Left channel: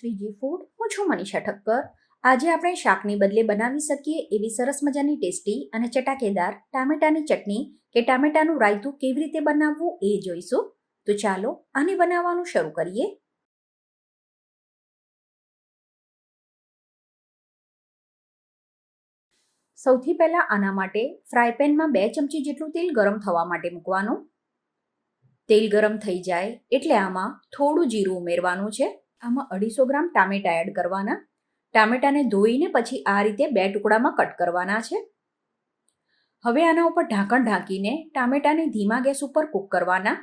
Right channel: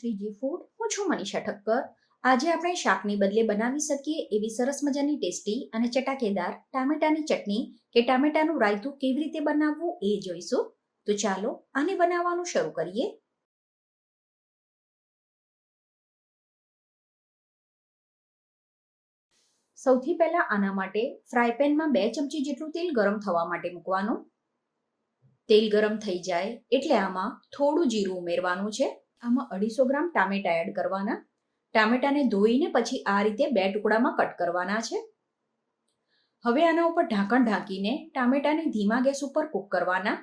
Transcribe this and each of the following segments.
To food હું છું મનીષા ઠક્કર. આજે આપણે શાકની બદલે બનાવી શકીએ એવી સરસ મજાની ટેસ્ટી અને ચટાકેદાર ટામેટાની ચટણી કે ટામેટાનું રાયતું કેવી રીતે બનાવવું એ જોઈશું. તો ચાલો આને બનાવવાનું શરૂ કરીએ. સૌથી પહેલા આના માટે ફ્રાય પેનમાં બે ચમચી જેટલું તેલ ગરમ થવા માટે મૂકવાનું. તેલ ગરમ થઈ જાય એટલે આમાં થોડું જીરું ઉમેરવાનું છે. આમાં અઢીસો ગ્રામ ટામેટા એડ કરવાના. ટામેટાને ધોઈને પછી આ રીતે બે ટુકડામાં કટ કરવાના છે. હવે આના ઉપર ઢાંકણ ઢાંકીને ટામેટાને ધીમા ગેસ ઉપર કૂક કરવાના.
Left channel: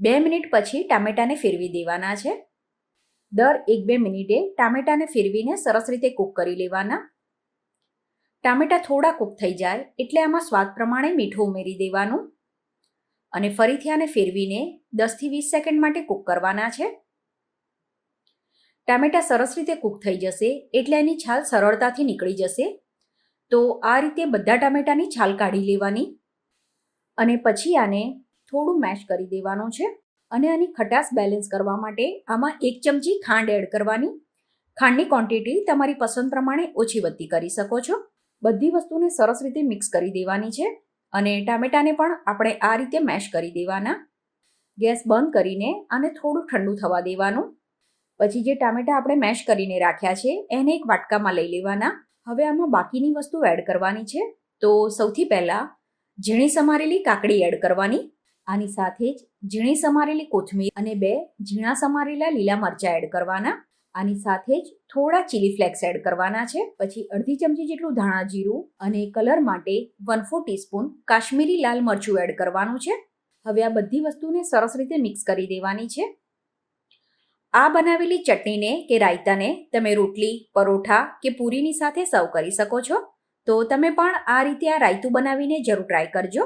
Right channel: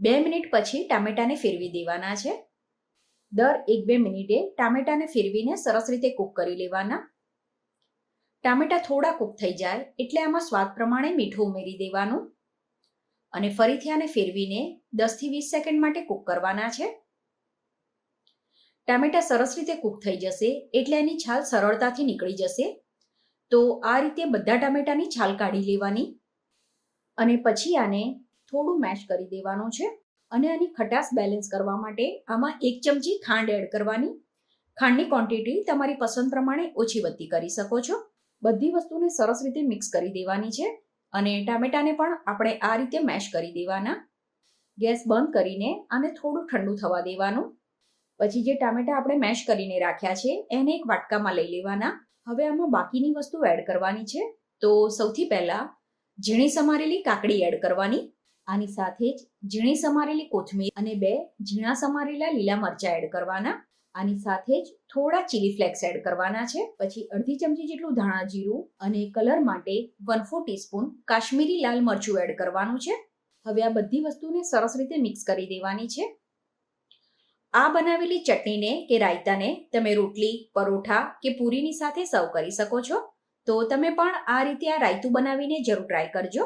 બે મિનિટ પછી ટામેટાને ફેરવી દેવાના છે. દર એક બે મિનિટે ટામેટાને ફેરવીને સરસ રીતે કૂક કરી લેવાના. ટામેટા થોડા કૂક થઈ જાય એટલે આમાં સ્વાદ પ્રમાણે મીઠું ઉમેરી દેવાનું. અને ફરીથી આને ફેરવીને દસથી વીસ સેકન્ડ માટે કૂક કરવાના છે. ટામેટા સરસ રીતે કૂક થઈ જશે, એટલે એની છાલ સરળતાથી નીકળી જશે. તો આ રીતે બધા ટામેટાની છાલ કાઢી લેવાની અને પછી આને થોડું મેશ કરી દેવાનું છે અને આની ખટાશ બેલેન્સ કરવા માટે આમાં એક ચમચી ખાંડ એડ કરવાની. ખાંડની ક્વોન્ટિટી તમારી પસંદ પ્રમાણે ઓછી વધતી કરી શકો છો. બધી વસ્તુને સરસ રીતે મિક્સ કરી દેવાની છે અને ટામેટાને પણ આપણે આ રીતે મેશ કરી દેવાના. ગેસ બંધ કરીને આને થોડું ઠંડુ થવા દેવાનું. પછી જે ટામેટા આપણે મેશ કરીને રાખ્યા છે, એને એક વાટકામાં લઈ લેવાના. હવે આમાં બાકીની વસ્તુ એડ કરવાની છે. તો સૌથી પહેલાં ઝીણી સમારેલી કાકડી એડ કરવાની. આની સાથે જ ઝીણી સમારેલી કોથમીર અને બે ઝીણા સમારેલા લીલા મરચાં એડ કરવાના. આની સાથે જ થોડા ચીલી ફ્લેક્સ એડ કરવાના છે. પછી અડધી ચમચી જેટલું ધાણા જીરું અને કલર માટે વન ફોર ટીસ્પૂન કાશ્મીરી લાલ મરચું એડ કરવાનું છે. હવે આ બધી વસ્તુને સરસ રીતે મિક્સ કરી દેવાની છે. આ બનાવેલી ચટણીને કે રાયતાને તમે રોટલી, પરોઠા કે પૂરીની સાથે સર્વ કરી શકો છો. તો તમે પણ આ રીતે આ રાયતું બનાવીને જરૂર ટ્રાય કરજો.